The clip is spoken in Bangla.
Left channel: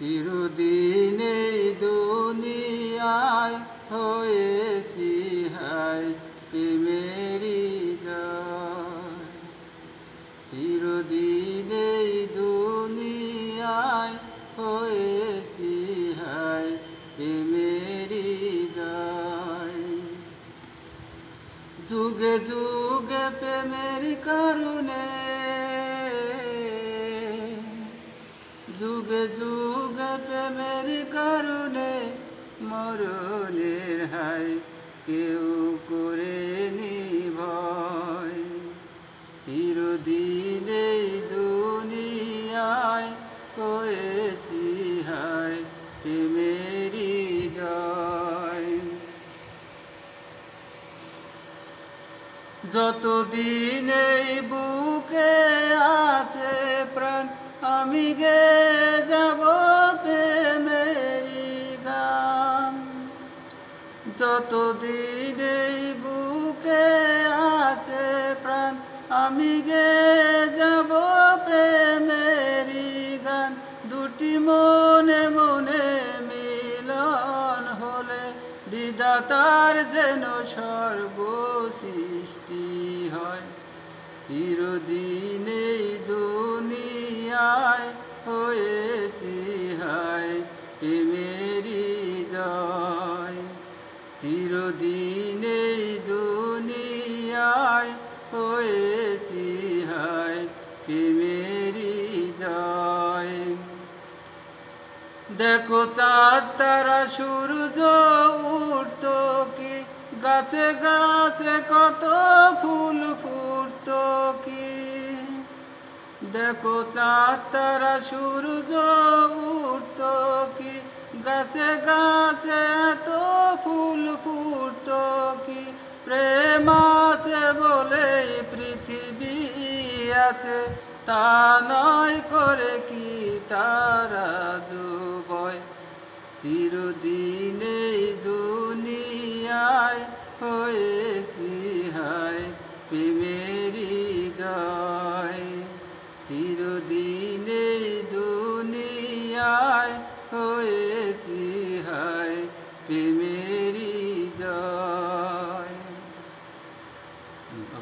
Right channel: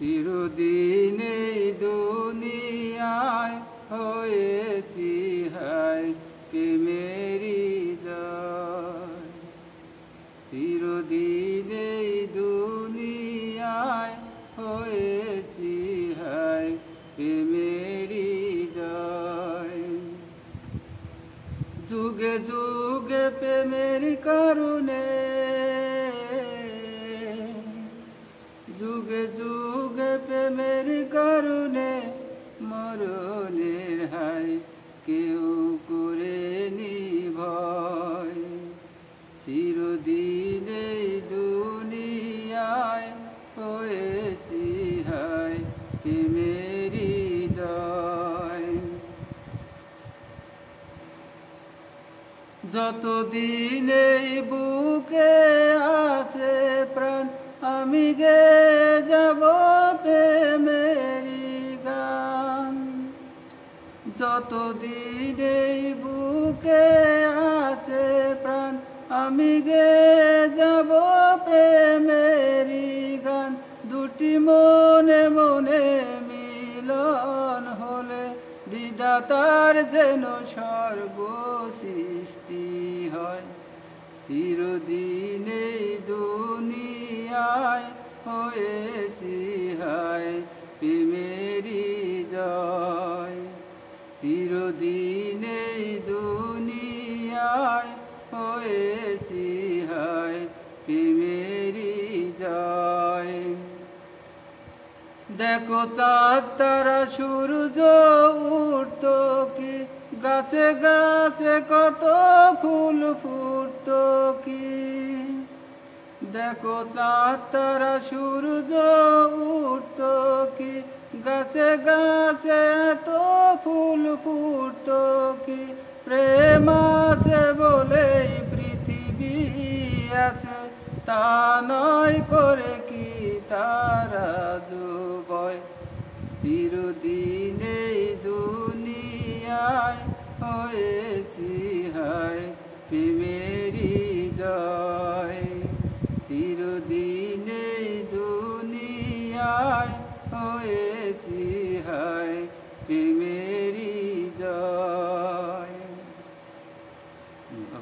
চিরদিন এই দুনিয়ায় হয়েছি হায় প্রেমেরই জয়। চিরদিন এই দুনিয়ায় হয়েছি হায় প্রেমেরই জয়। যুগে যুগে প্রেমের কারণে, যুগে যুগে প্রেমের কারণে মরণের হায় কেউ করেনি ভয়। চিরদিন এই দুনিয়ায় হয়েছি হায় প্রেমেরই জয়। যতদিন এই বুকে আছে প্রাণ আমি গেয়ে যাব প্রেমেরই গান। যতদিন এই বুকে আছে প্রাণ আমি গেয়ে যাব প্রেমেরই গান। দুটি মনে মনে মিলন হলে বিধাতার যেন স্বর্গ সৃষ্টি হয়। চিরদিন এই দুনিয়ায় হয়েছি হায় প্রেমেরই জয়। চিরদিন এই দুনিয়ায় হয়েছি হায় প্রেমেরই জয়। দেখো চাঁদ তারা সূর্য উঠত কি, গাছে গাছে কত ফুল ফুটত কি। দেখো চাঁদ তারা সূর্য উঠত কি, গাছে গাছে এত ফুল ফুটত কি। প্রেম আছে বলেই পৃথিবী আছে, তা নয় করে কি তারা যুবয়। চিরদিন